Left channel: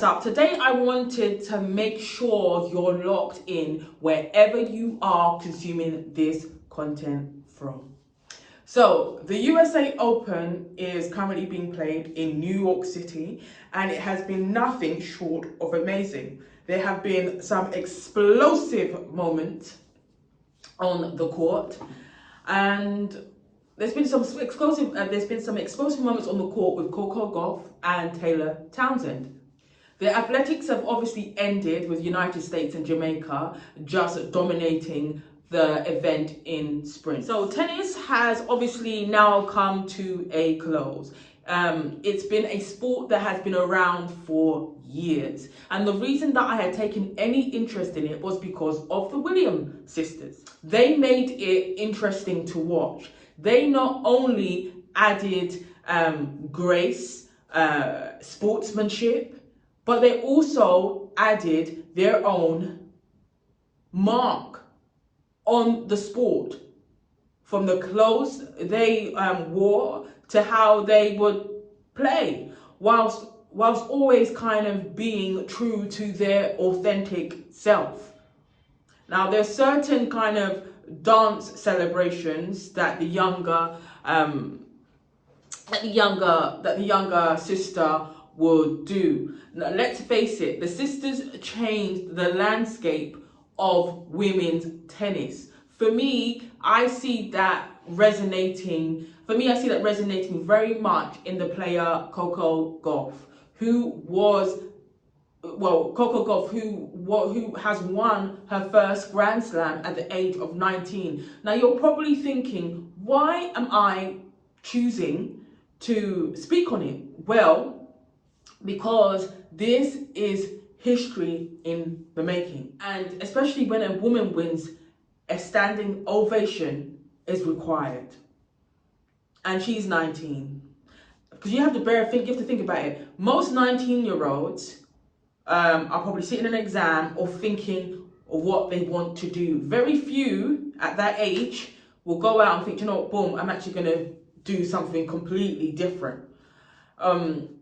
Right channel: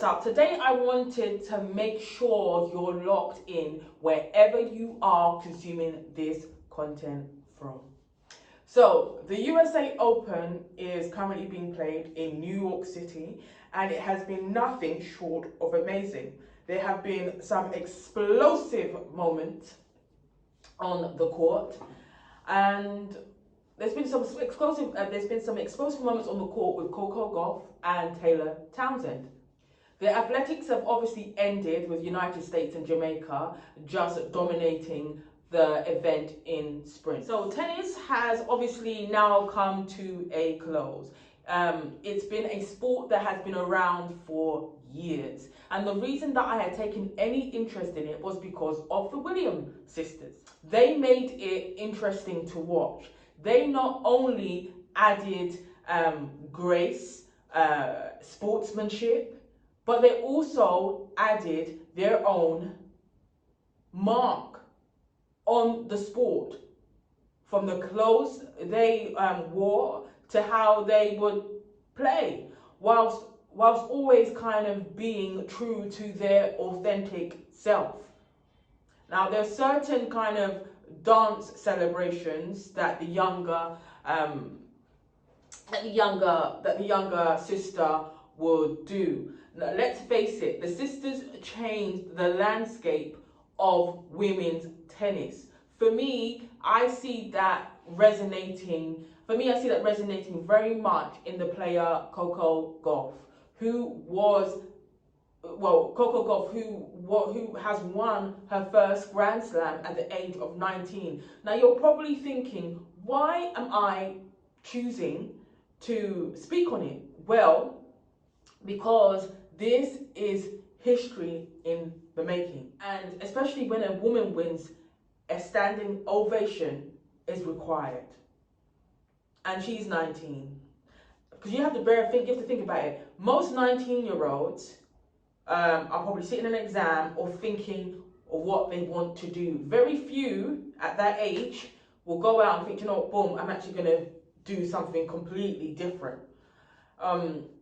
So today I wanted to make sure you're locked in wherever you are consuming this content from. So the USA Open is currently being played in New York City, and it has been nothing short of amazing. There have been some explosive moments on the court, and there's been some explosive moments on the court with Coco Gauff and Townsend. The athletics have obviously ended with United States and Jamaica just dominating the event in sprint. So tennis has obviously now come to a close. It's been a sport that has been around for years. And the reason that I had taken any interest in it was because of the Williams sisters. They made it interesting to watch. They not only added grace, sportsmanship, but they also added their own mark on the sport, from the clothes they wore to how they would play, whilst always kind of being true to their authentic self. Now, there's certain kind of dance celebrations that the younger sister would do. Now, let's face it, the sisters changed the landscape of women's tennis. For me, I see that resonating very much in the player Coco Gauff, who has won her first Grand Slam at the age of 19. Now, you're probably thinking, why am I choosing to speak on it? Well, because this is history in the making. And especially when a woman wins, a standing ovation is required. And she's 19. Because you have to think about it. Most 19-year-olds are probably sitting in an exam or thinking of what they want to do. Very few at that age will go out and think, you know what, boom, I'm actually going to do something completely different.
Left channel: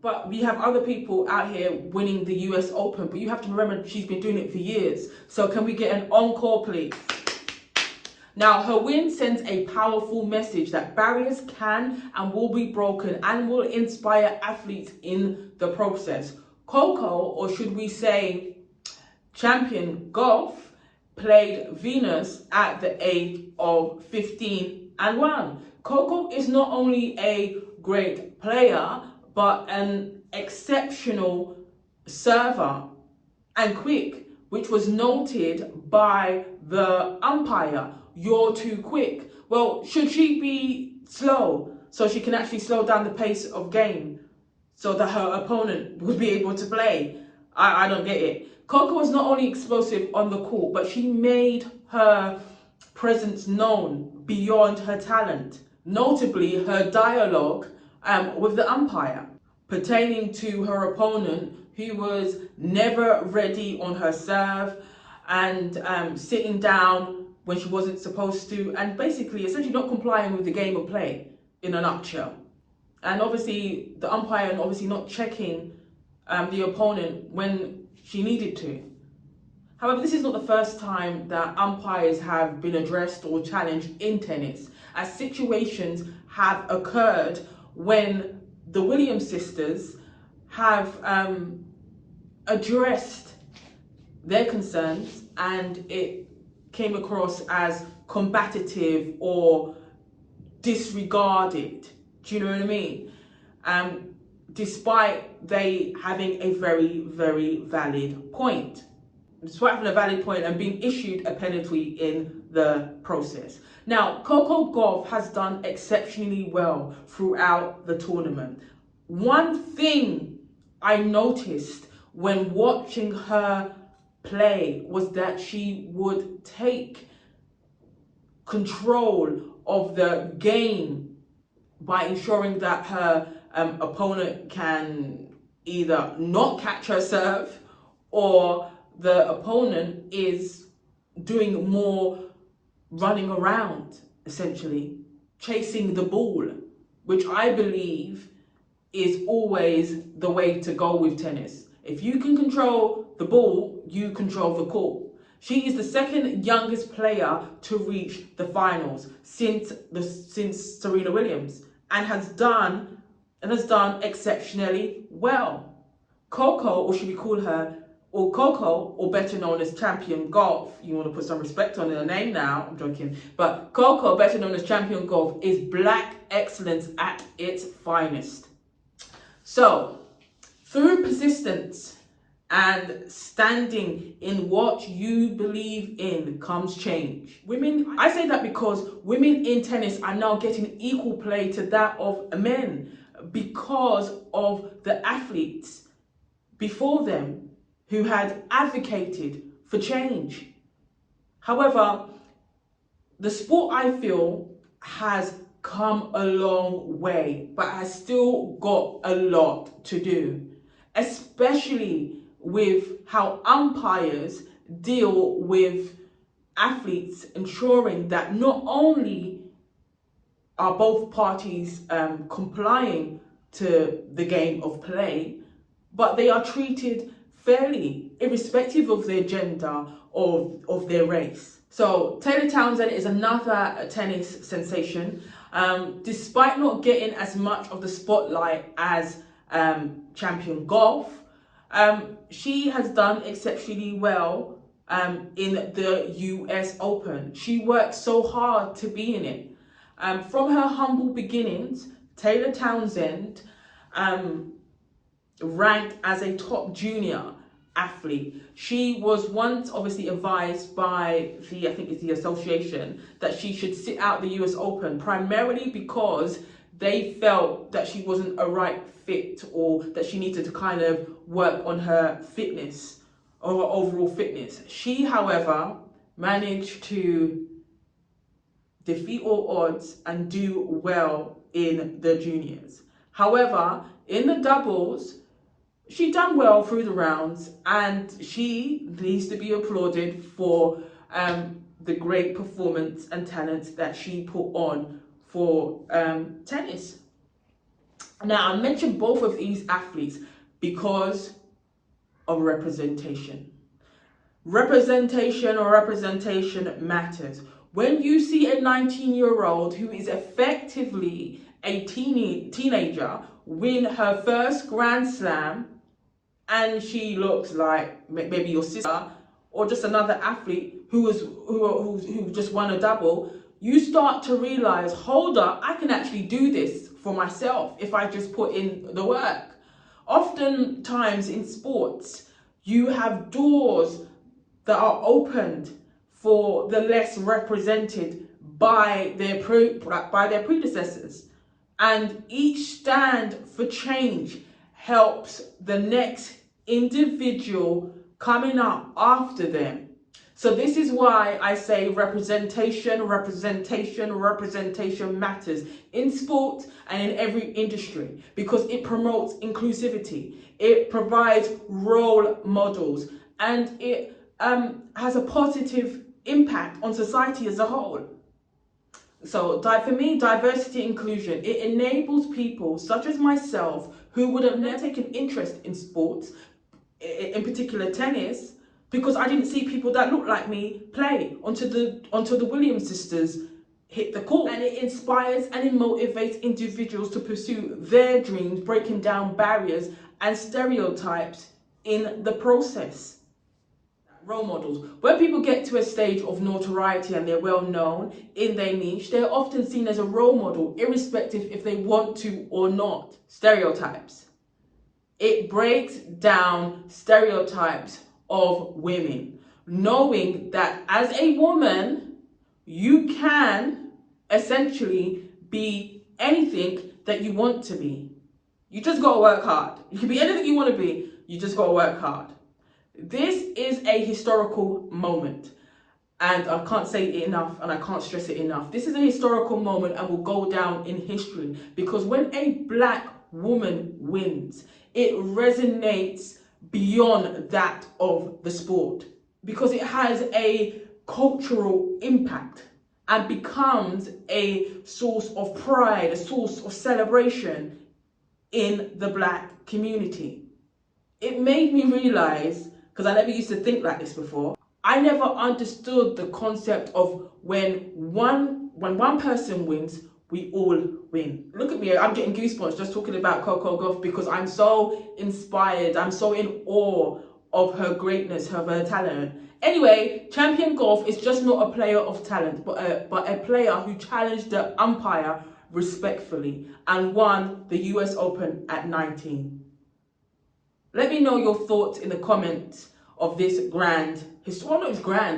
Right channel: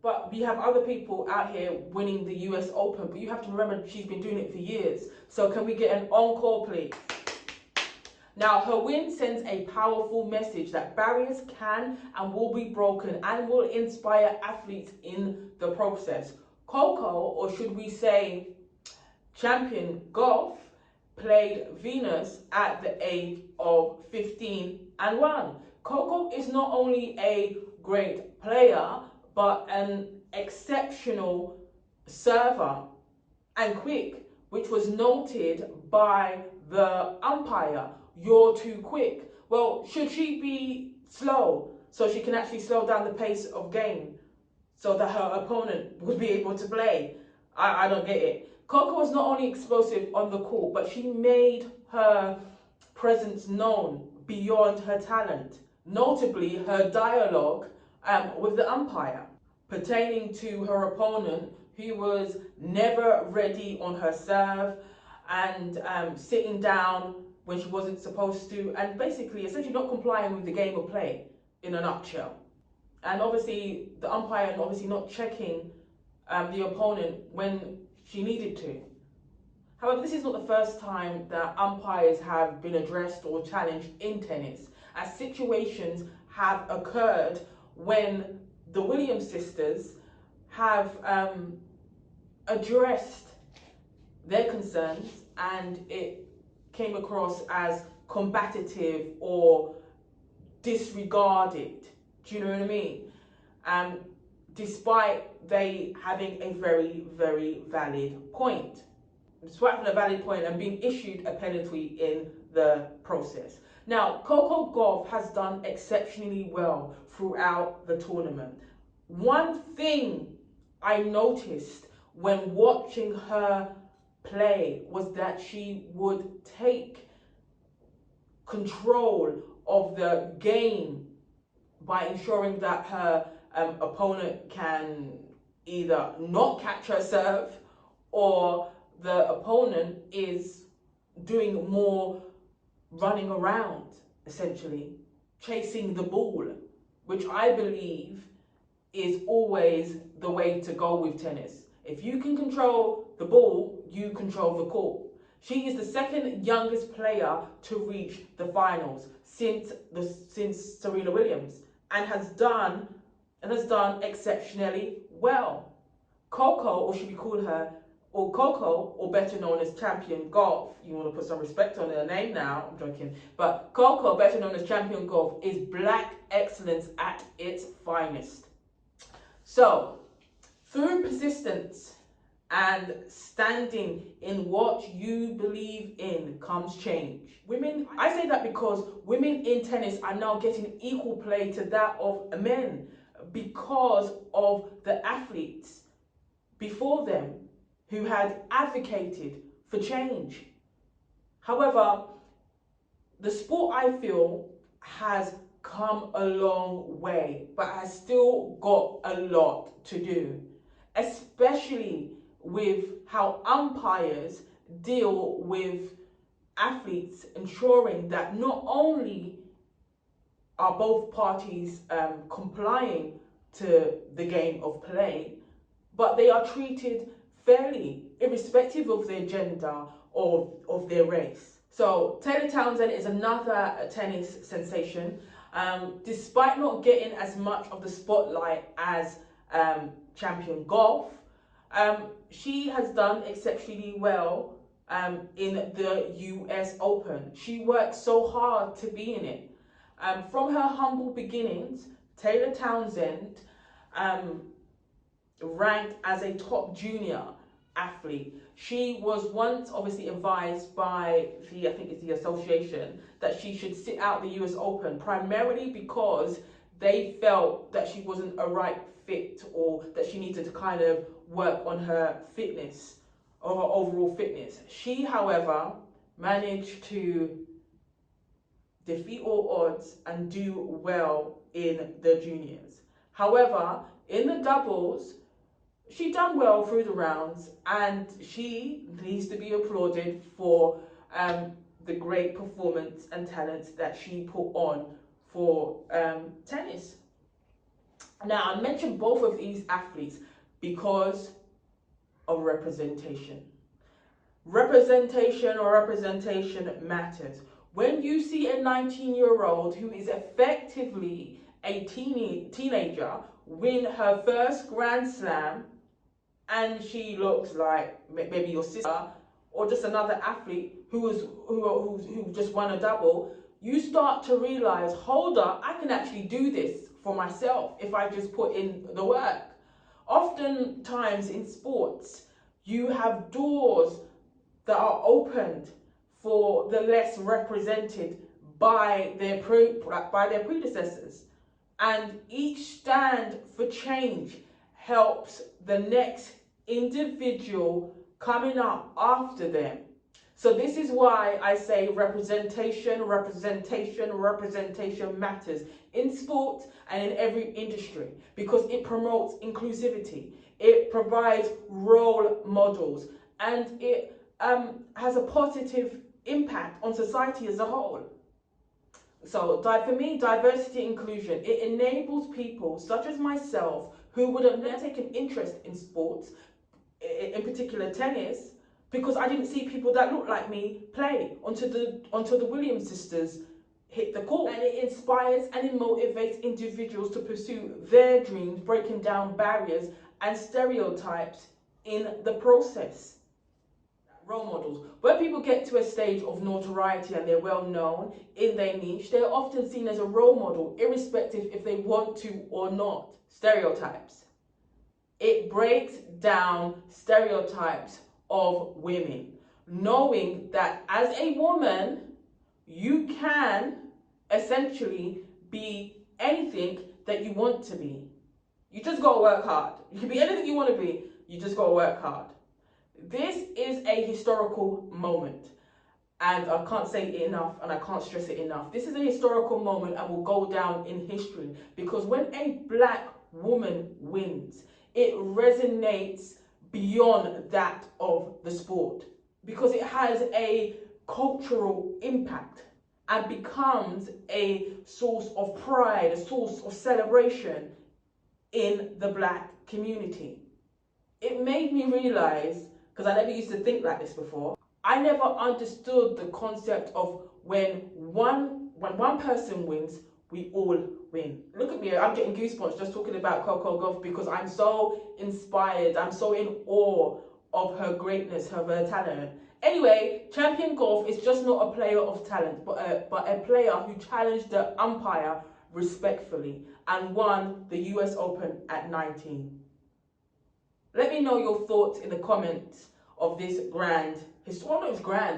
But we have other people out here winning the US Open, but you have to remember she's been doing it for years. So can we get an encore, please? Now, her win sends a powerful message that barriers can and will be broken and will inspire athletes in the process. Coco, or should we say champion Gauff, played Venus at the age of 15 and won. Coco is not only a great player, but an exceptional server and quick, which was noted by the umpire. You're too quick. Well, should she be slow so she can actually slow down the pace of game so that her opponent would be able to play? I don't get it. Coco was not only explosive on the court, but she made her presence known beyond her talent. Notably, her dialogue with the umpire pertaining to her opponent, who was never ready on her serve and sitting down when she wasn't supposed to, and basically essentially not complying with the game of play in a nutshell. And obviously the umpire and obviously not checking the opponent when she needed to. However, this is not the first time that umpires have been addressed or challenged in tennis, as situations have occurred when the Williams sisters have addressed their concerns and it came across as combative or disregarded. Do you know what I mean? Despite they having a very, very valid point. Despite having a valid point and being issued a penalty in the process. Now, Coco Gauff has done exceptionally well throughout the tournament. One thing I noticed when watching her play was that she would take control of the game by ensuring that her opponent can either not catch her serve, or the opponent is doing more running around, essentially chasing the ball, which I believe is always the way to go with tennis. If you can control the ball, you control the court. She is the second youngest player to reach the finals since Serena Williams, and has done exceptionally well. Coco, or should we call her, or Coco, or better known as Champion Gauff, you want to put some respect on her name now, I'm joking, but Coco, better known as Champion Gauff, is black excellence at its finest. So, through persistence and standing in what you believe in comes change. I say that because women in tennis are now getting equal play to that of men because of the athletes before them who had advocated for change. However, the sport, I feel, has come a long way, but has still got a lot to do, especially with how umpires deal with athletes, ensuring that not only are both parties complying to the game of play, but they are treated fairly, irrespective of their gender or of their race. So Taylor Townsend is another tennis sensation. Despite not getting as much of the spotlight as Champion Gauff, she has done exceptionally well in the US Open. She worked so hard to be in it. From her humble beginnings, Taylor Townsend ranked as a top junior athlete. She was once obviously advised by I think it's the association, that she should sit out the US Open, primarily because they felt that she wasn't a right fit, or that she needed to kind of work on her fitness or her overall fitness. She, however, managed to defeat all odds and do well in the juniors. However, in the doubles, she done well through the rounds, and she needs to be applauded for the great performance and talent that she put on for tennis. Now, I mentioned both of these athletes because of representation. Representation matters. When you see a 19-year-old who is effectively a teenager win her first Grand Slam, and she looks like maybe your sister or just another athlete who just won a double, you start to realize, hold up, I can actually do this for myself if I just put in the work. Oftentimes in sports, you have doors that are opened for the less represented by their predecessors, and each stand for change helps the next individual coming up after them. So this is why I say representation matters in sport and in every industry, because it promotes inclusivity, it provides role models, and it has a positive impact on society as a whole. So for me, diversity inclusion, it enables people such as myself who would have never taken interest in sports, in particular tennis, because I didn't see people that looked like me play until the Williams sisters hit the court. And it inspires and it motivates individuals to pursue their dreams, breaking down barriers and stereotypes in the process. Role models. When people get to a stage of notoriety and they're well known in their niche, they're often seen as a role model, irrespective if they want to or not. Stereotypes. It breaks down stereotypes of women, knowing that as a woman, you can essentially be anything that you want to be. You just gotta work hard. You can be anything you want to be, you just gotta work hard. This is a historical moment, and I can't say it enough and I can't stress it enough. This is a historical moment and will go down in history, because when a black woman wins, it resonates beyond that of the sport, because it has a cultural impact and becomes a source of pride, a source of celebration in the black community. it made me realise, because I never used to think like this before, I never understood the concept of when one person wins, we all win. Look at me, I'm getting goosebumps just talking about Coco Gauff because I'm so inspired, I'm so in awe of her greatness, of her talent. Anyway, Champion Gauff is just not a player of talent, but a player who challenged the umpire respectfully and won the US Open at 19. Let me know your thoughts in the comments of this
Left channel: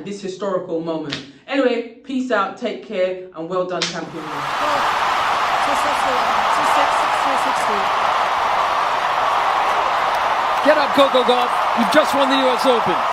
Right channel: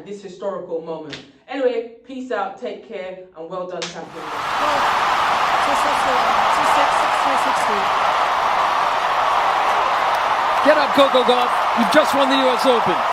this historical moment. Anyway, peace out, take care, and well done, Champion. Get up, Coco Gauff. You've just won the US Open.